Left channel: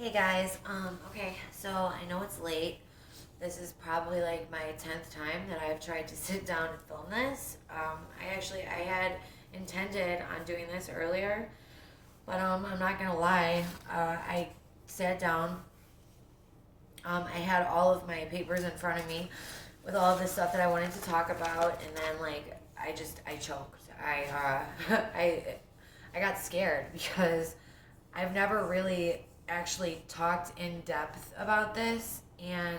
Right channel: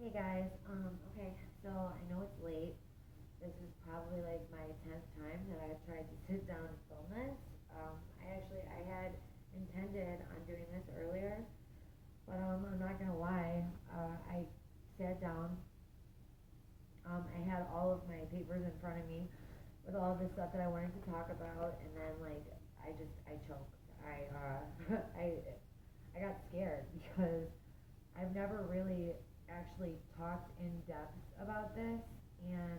Hey guys, okay, so I know it's late. This is probably like my 10th time that I've tried to sit down and film this. I had intended on doing this earlier, but I'm not gonna lie. I sat down. I had all of my papers in front of me with all of the stuff that I wanted to talk about, and then I choked. I I got scared because I've never really actually talked in depth about this. And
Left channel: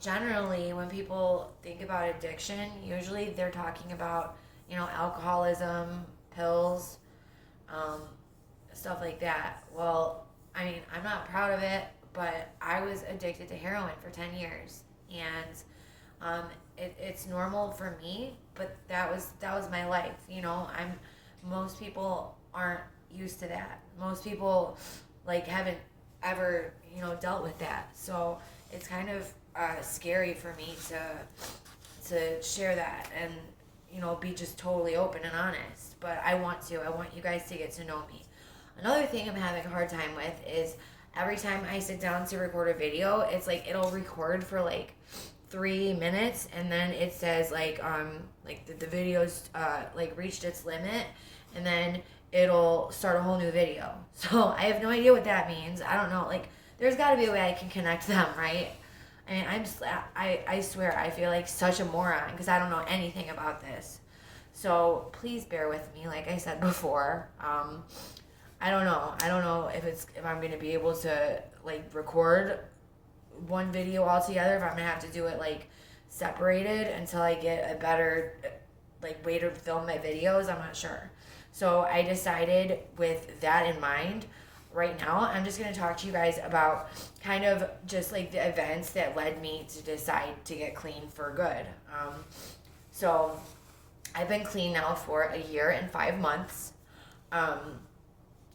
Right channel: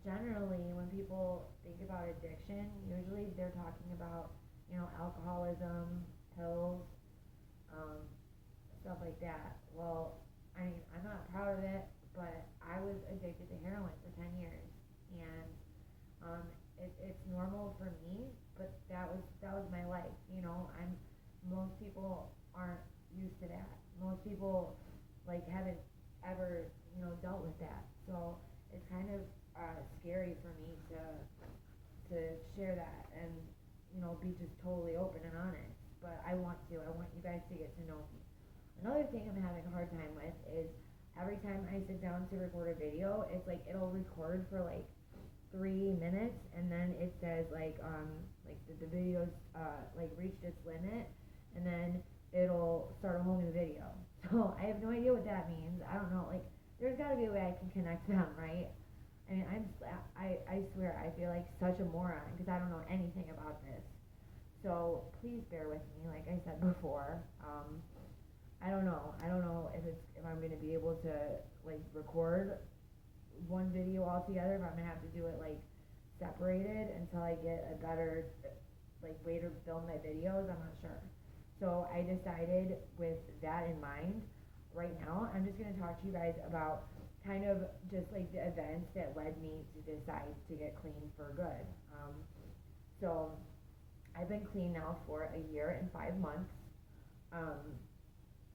generally, when people think about addiction, usually they're talking about, alcoholism, pills, um, stuff like that. Well, I mean, I'm not proud of it, but I was addicted to heroin for 10 years. And it's normal for me, but that was my life. Most people aren't used to that. Most people haven't ever dealt with that. So it's kind of scary for me to share that and be just totally open and honest. But I want to. I want you guys to get to know me. Another thing I'm having a hard time with is every time I sit down to record a video, it's like it'll record for like 3 minutes and then it says the video's reached its limit, and then it'll start a whole new video. So I have no idea what that means. I don't know. There's got to be a way I can connect them, right? I mean, I swear I feel like such a moron because I don't know anything about this. So please bear with me. Like I said before, I don't know. I don't know if I'm gonna be able to record one video altogether. If I'm gonna have to do it separated until I get a better way to film my videos. I'm not sure. So I decided with that in mind, right now, I'm just going to talk to you guys about kind of just the events that led me to decide to get clean for good. So I've been clean now for a year and 5 months.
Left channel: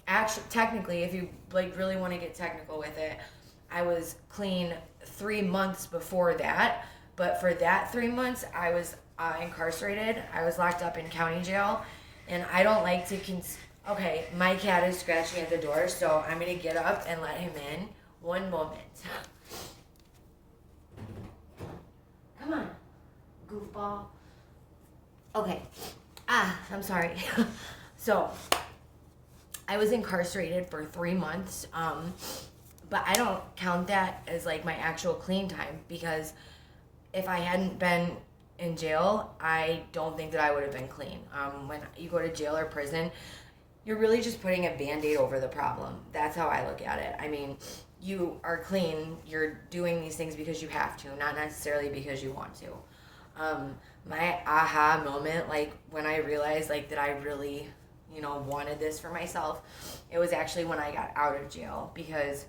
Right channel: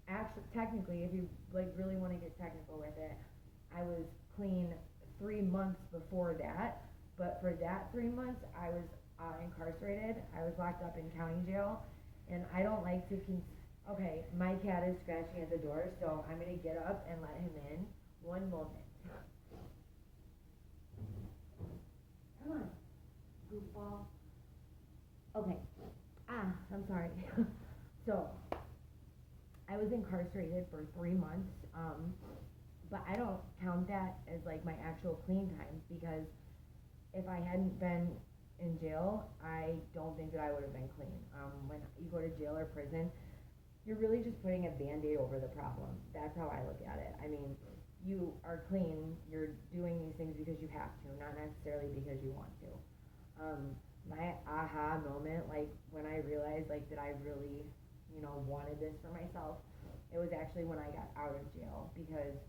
Actually, technically, if you really want to get technical with it, I was clean 3 months before that. But for that 3 months, I was incarcerated. I was locked up in county jail. And I don't like to okay, my cat is scratching at the door, so I'm going to get up and let him in. One moment. Come on, goofball. Okay. I'm sorry. So, I was incarcerated for 3 months, but I don't count that as my actual clean time, because if I hadn't been in jail, I don't think that I would have been clean. When you go to jail or prison, you're really just putting a Band-Aid over the problem. That's how I look at it. I mean, you are clean, you're doing these things because you have to, not necessarily because you want to. My aha moment, when I realized that I really, wanted this for myself, it was actually when I got out of jail, because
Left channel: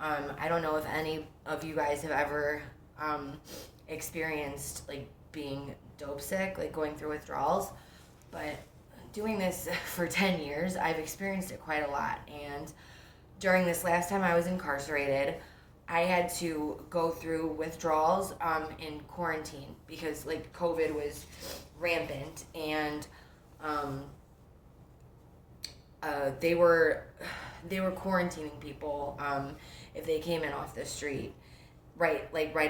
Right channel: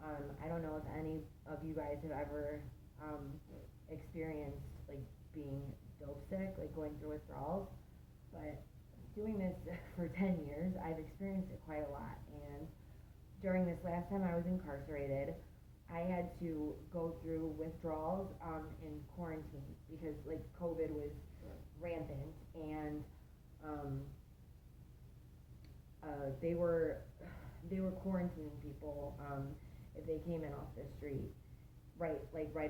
I don't know if any of you guys have ever experienced being dope sick, going through withdrawals, but doing this for 10 years, I've experienced it quite a lot. And during this last time I was incarcerated, I had to go through withdrawals in quarantine because COVID was rampant, and they were quarantining people if they came in off the street right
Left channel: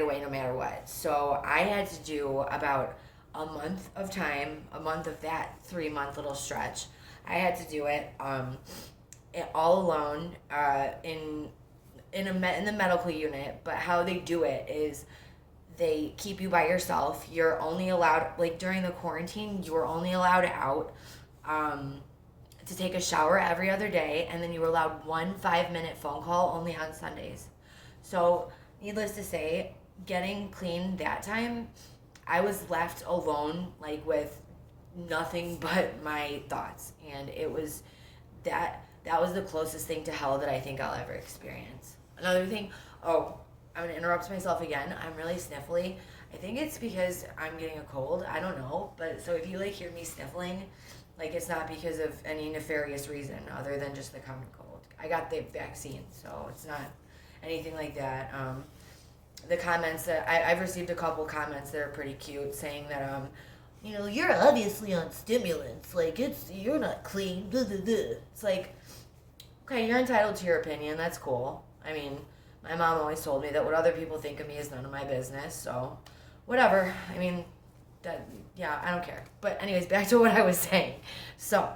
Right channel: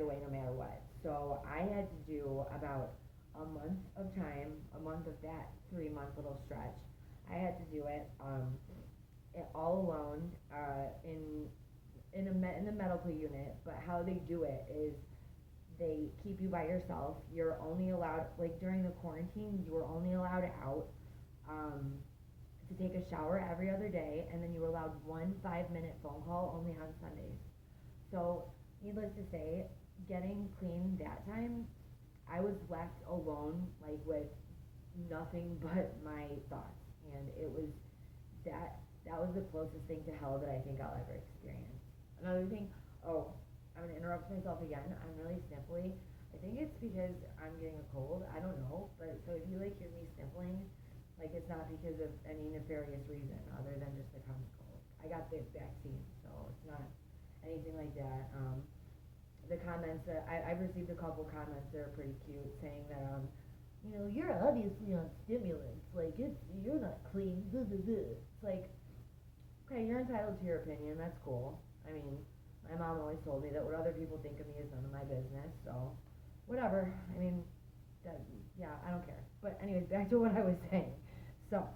away, no matter what. So I had to do about a month of that 3 month little stretch. I had to do it all alone in the medical unit. But how they do it is they keep you by yourself. You're only allowed, during the quarantine, you were only allowed out to take a shower every other day, and then you were allowed 1 5-minute phone call only on Sundays. So needless to say, getting clean that time, I was left alone, with nothing but my thoughts. And it was that was the closest thing to hell that I think I'll ever experience. Another thing, I'm going to interrupt myself again. I'm really sniffly. I think it's because I'm getting a cold. I don't know. But so if you hear me sniffling, it's not because of any nefarious reason other than just the common cold. I got the vaccine, so it's not anything like that. The comments that I've received a couple comments that are pretty cute, saying that you're obviously on stimulants, you're not clean, blah, blah, blah. It's Okay, you're entitled to your opinion. That's cool. I mean, my mom always told me that what other people think of me is none of my business. So, whatever. I mean, that yeah, I don't care. But anyways, back to what I was saying. So,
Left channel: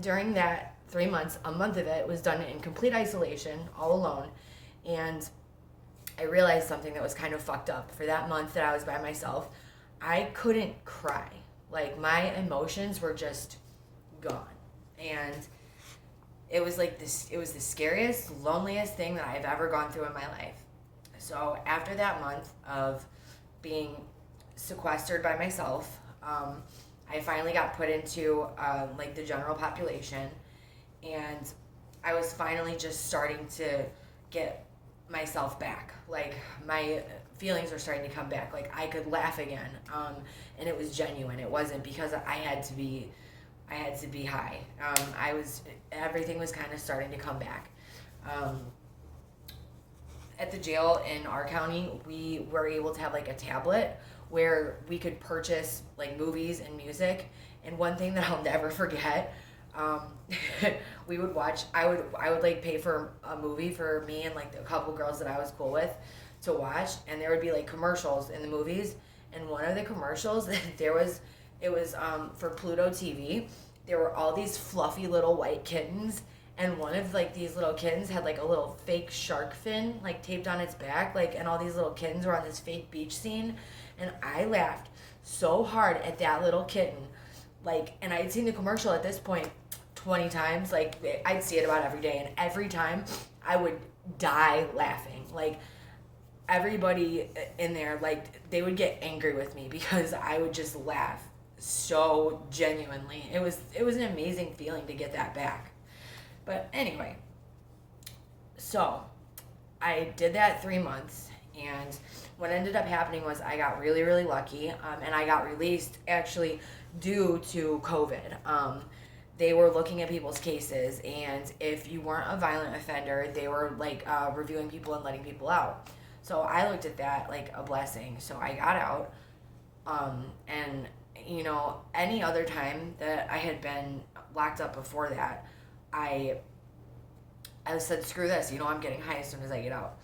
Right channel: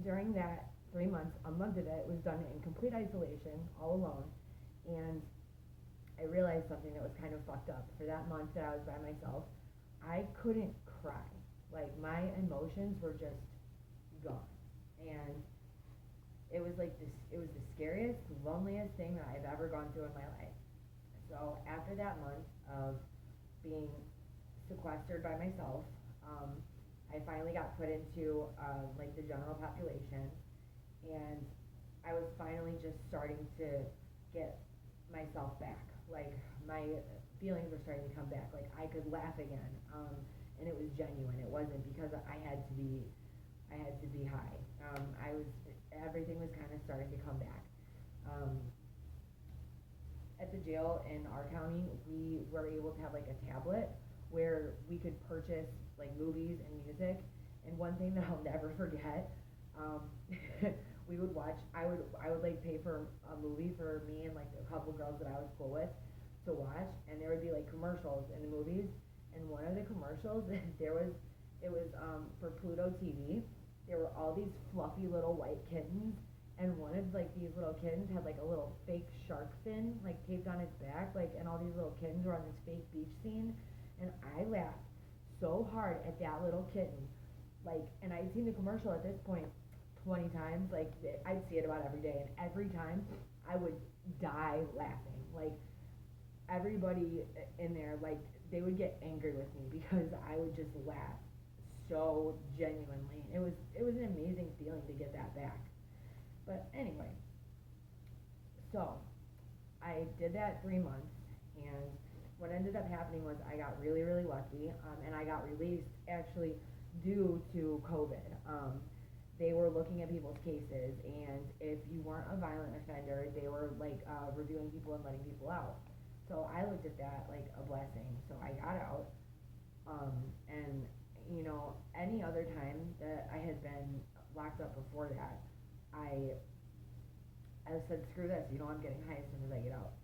during that 3 months, a month of it was done in complete isolation, all alone, and I realized something that was kind of fucked up. For that month that I was by myself, I couldn't cry. Like my emotions were just gone, and it was like this. It was the scariest, loneliest thing that I've ever gone through in my life. So after that month of being sequestered by myself, I finally got put into like the general population, and I was finally just starting to get myself back. Like my feelings were starting to come back. Like I could laugh again, and it was genuine. It wasn't because I had to be high. Everything was kind of starting to come back. At the jail in our county, we were able to have like a tablet where we could purchase like movies and music. And one thing that I'll never forget, um, we would watch. I would like pay for a movie for me and like a couple girls that I was cool with to watch, and there would be like commercials in the movies. And one of the commercials it was for Pluto TV. There were all these fluffy little white kittens, and one of like these little kittens had like a little fake shark fin like taped on its back, like, and all these little kittens were on this fake beach scene, and I laughed so hard at that little kitten, like, and I'd seen the commercial at this point 20 times, like I'd see it about every day, and every time I would die laughing. Like everybody in there, like they would get angry with me because I would just laugh so genuinely. It was an amazing feeling to get that back. But anyway, so I did that 3 months, and what ended up happening was I got really, really lucky, and I got released actually due to COVID. They were looking at people's cases, and if you weren't a violent offender, they were like reviewing people and letting people out. So I looked at that like a blessing. So I got out, and you know, any other time that I had been locked up before that, I said, screw this, you know, I'm getting high as soon as I get out.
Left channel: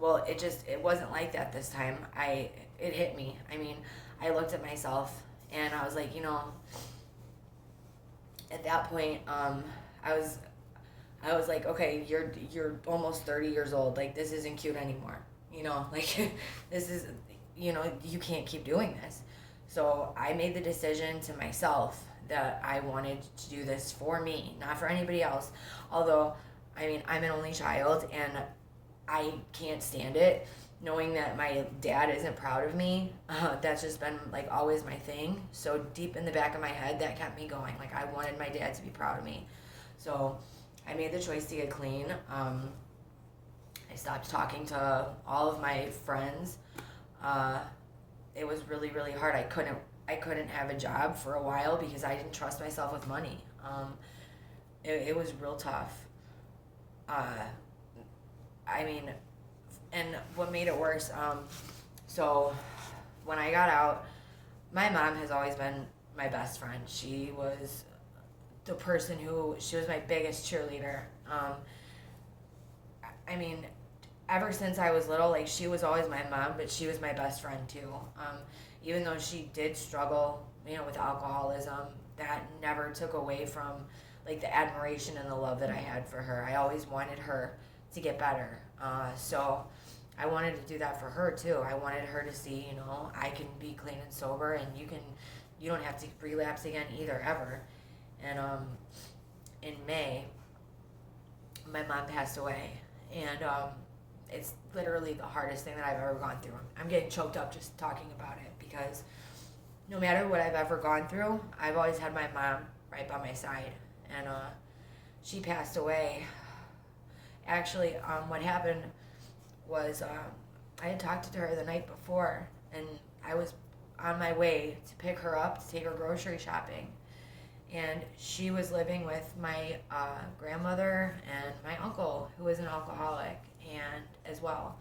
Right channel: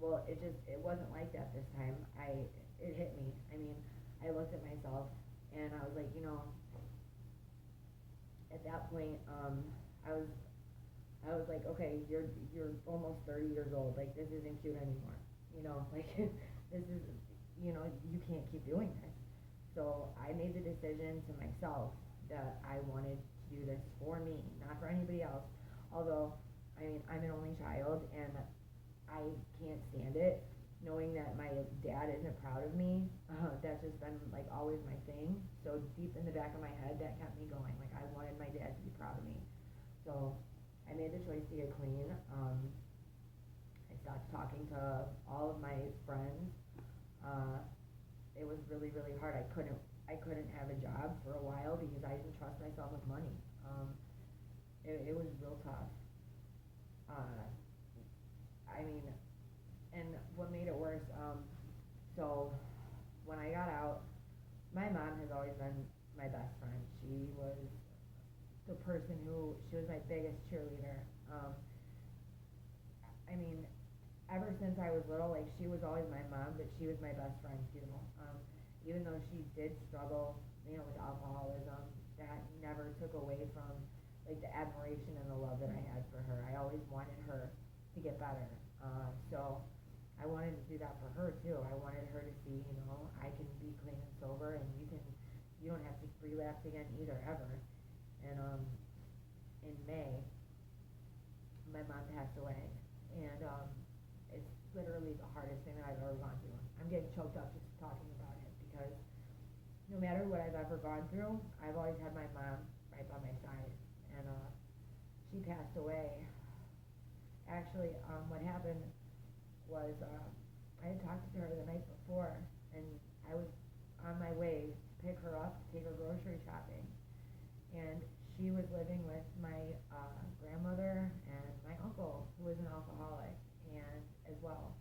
Well, it wasn't like that this time. It hit me. I mean, I looked at myself and I was like, you know, at that point, I was like, okay, you're almost 30 years old. Like this isn't cute anymore. You know, like this is, you know, you can't keep doing this. So I made the decision to myself that I wanted to do this for me, not for anybody else. Although, I mean, I'm an only child, and I can't stand it knowing that my dad isn't proud of me. That's just been like always my thing. So deep in the back of my head, that kept me going. Like I wanted my dad to be proud of me. So I made the choice to get clean. I stopped talking to all of my friends. It was really, really hard. I couldn't have a job for a while because I didn't trust myself with money. It was real tough. I mean, and what made it worse, so when I got out, my mom has always been my best friend. She was she was my biggest cheerleader. I mean, ever since I was little, like she was always my mom, but she was my best friend too. Even though she did struggle, you know, with alcoholism, that never took away from like the admiration and the love that I had for her. I always wanted her to get better. So I wanted to do that for her too. I wanted her to see, you know, I can be clean and sober, and you don't have to relapse again either, ever. And in May, my mom passed away, and it's literally the hardest thing that I've ever gone through. I'm getting choked up just talking about it because no matter what I've ever gone through, I've always had my mom right by my side. And she passed away. Actually, what happened was I had talked to her the night before, and I was on my way to pick her up to take her grocery shopping. And she was living with my grandmother and my uncle, who was an alcoholic, and as well.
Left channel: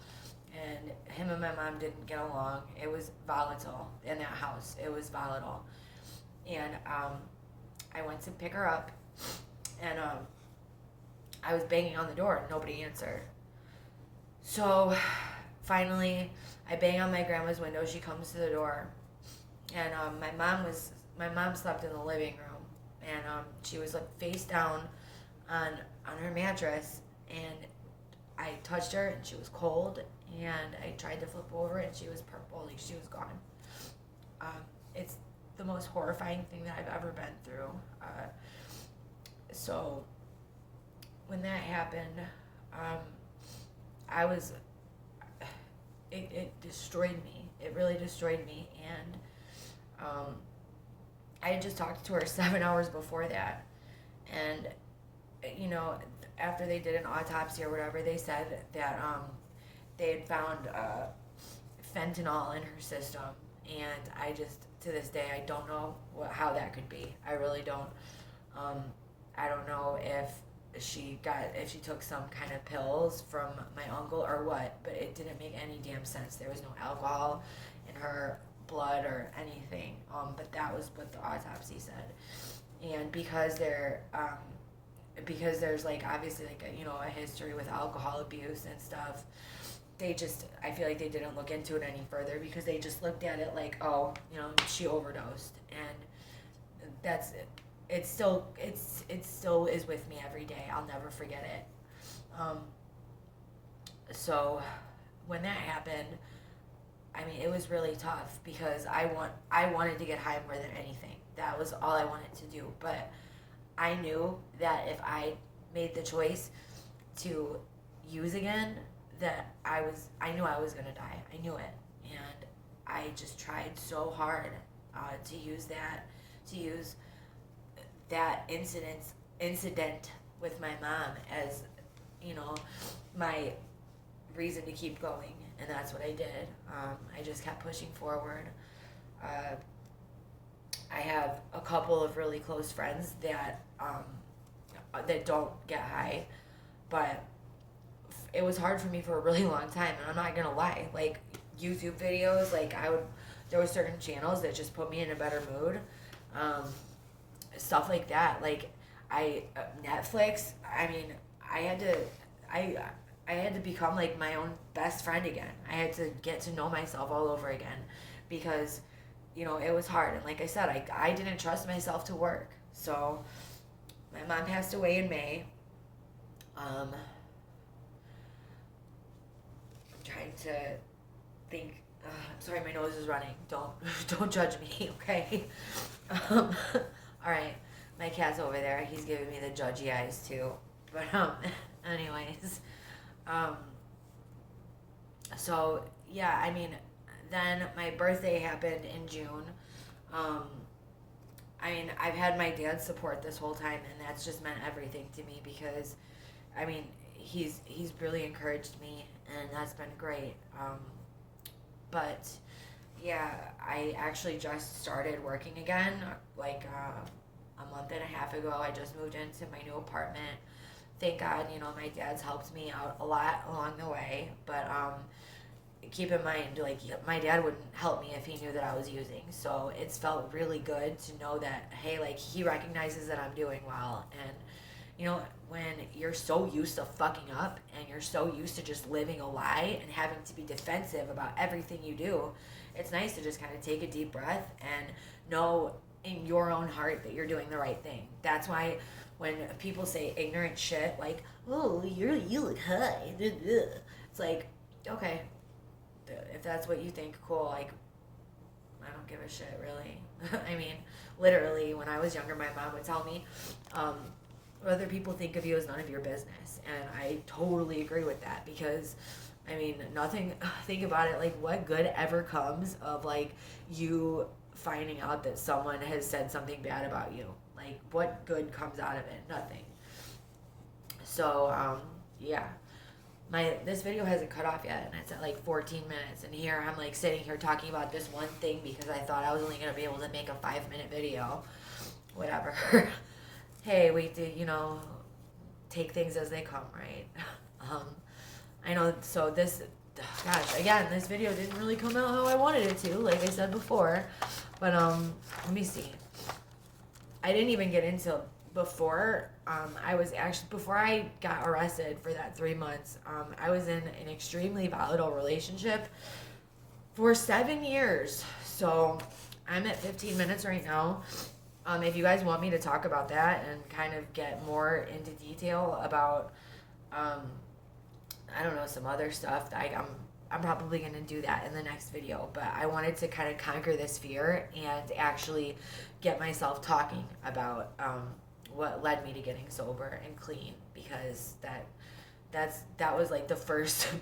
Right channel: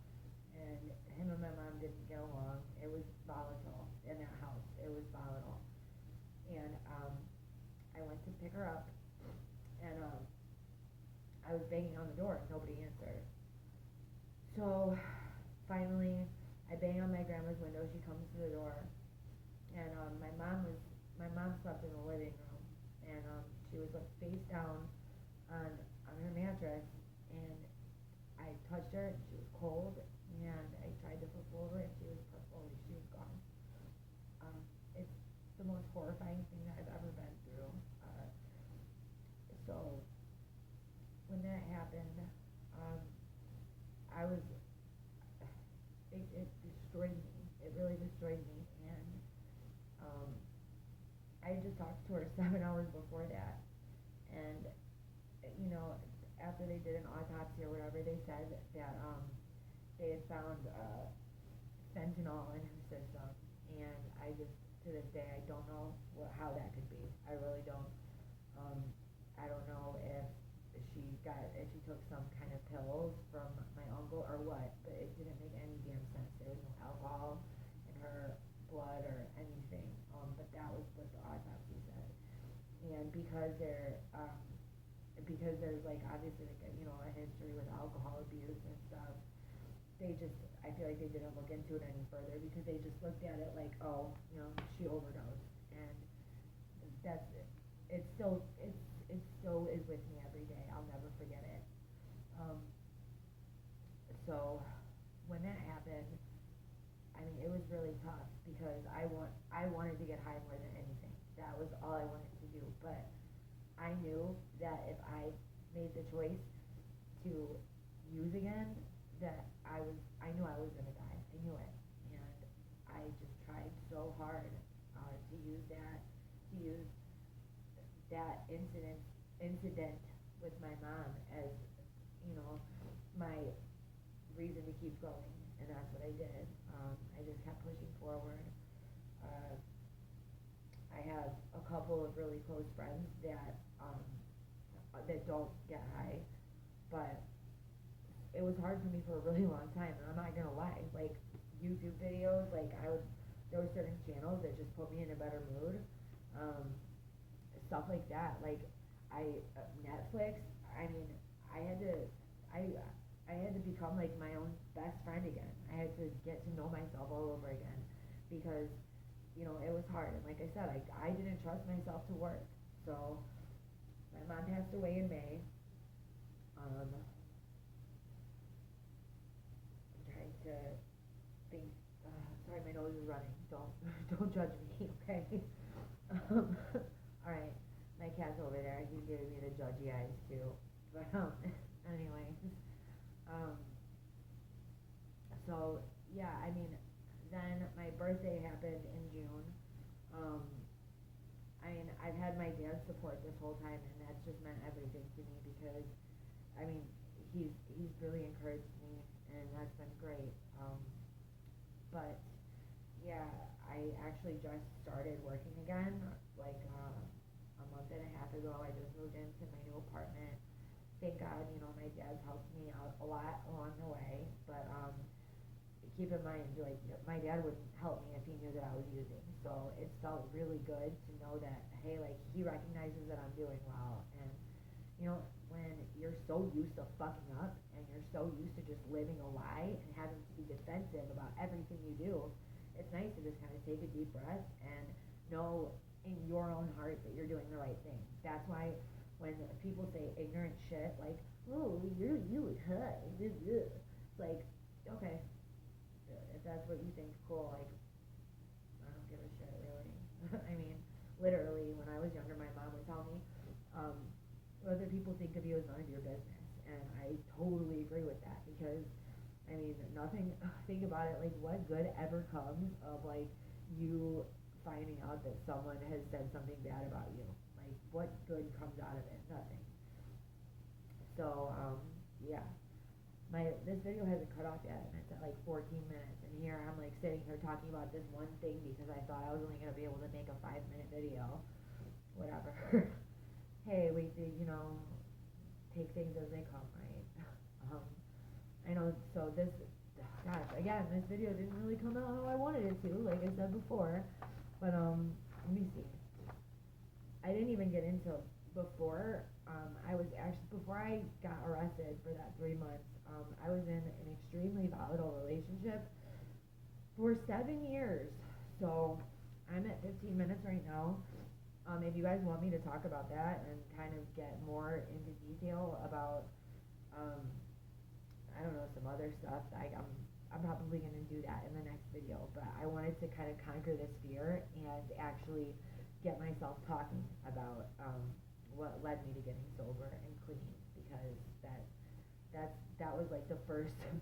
And him and my mom didn't get along. It was volatile in that house. It was volatile. And I went to pick her up, and I was banging on the door and nobody answered. So finally, I bang on my grandma's window. She comes to the door, and my mom slept in the living room, and she was like face down on her mattress, and I touched her and she was cold, and I tried to flip over and she was purple, like she was gone. It's the most horrifying thing that I've ever been through. So when that happened, I was, it destroyed me. It really destroyed me. And I had just talked to her 7 hours before that. And, you know, after they did an autopsy or whatever, they said that they had found fentanyl in her system. And I just, to this day, I don't know how that could be. I really don't. I don't know if she took some kind of pills from my uncle or what, but it didn't make any damn sense. There was no alcohol in her blood or anything. But that was what the autopsy said. And because there's like obviously like a history with alcohol abuse and stuff, I feel like they didn't look into it any further because they just looked at it like, oh, she overdosed, and that's it. It still is with me every day. I'll never forget it. So when that happened, I mean, it was really tough because I wanted to get high more than anything. That was all I wanted to do. But I knew that if I made the choice to use again, that I knew I was gonna die. I knew it, and I just tried so hard to use that incident with my mom as my reason to keep going, and that's what I did. I just kept pushing forward. I have a couple of really close friends that don't get high, but it was hard for me for a really long time, and I'm not gonna lie. Like YouTube videos, there were certain channels that just put me in a better mood. Stuff like that, like Netflix. I mean, I had to become like my own best friend again. I had to get to know myself all over again because it was hard. And like I said, I didn't trust myself to work. So my mom passed away in May. I'm trying to think. I'm sorry, my nose is running. Don't judge me, okay? All right, my cat's over there. He's giving me the judgy eyes too. But anyways, so yeah, I mean, then my birthday happened in June. I mean, I've had my dad's support this whole time, and that's just meant everything to me because, I mean, he's really encouraged me, and that's been great. But yeah, I actually just started working again, like a month and a half ago. I just moved into my new apartment. Thank God, my dad's helped me out a lot along the way. But keep in mind, like, my dad wouldn't help me if he knew that I was using. So it's felt really good to know that, hey, like, he recognizes that I'm doing well. And, when you're so used to fucking up and you're so used to just living a lie and having to be defensive about everything you do, it's nice to just kind of take a deep breath and know in your own heart that you're doing the right thing. That's why when people say ignorant shit like, oh, you look high, it's like, okay, if that's what you think, cool. Like, I don't give a shit, really. I mean, literally, when I was younger, my mom would tell me, what other people think of you is none of your business. And I totally agree with that because, I mean, think about it, like, what good ever comes of, like, you finding out that someone has said something bad about you? Like, what good comes out of it? Nothing. So, yeah. This video hasn't cut off yet, and it's at like 14 minutes, and here I'm like sitting here talking about this one thing because I thought I was only going to be able to make a 5-minute video. Whatever. Hey, we do, take things as they come, right? I know, so this video didn't really come out how I wanted it to, like I said before, but, let me see. I didn't even get into before before I got arrested for that 3 months, I was in an extremely volatile relationship for 7 years. So I'm at 15 minutes right now. If you guys want me to talk about that and kind of get more into detail about, I don't know, some other stuff, I'm probably going to do that in the next video. But I wanted to kind of conquer this fear and actually get myself talking about what led me to getting sober and clean, because that was like the first big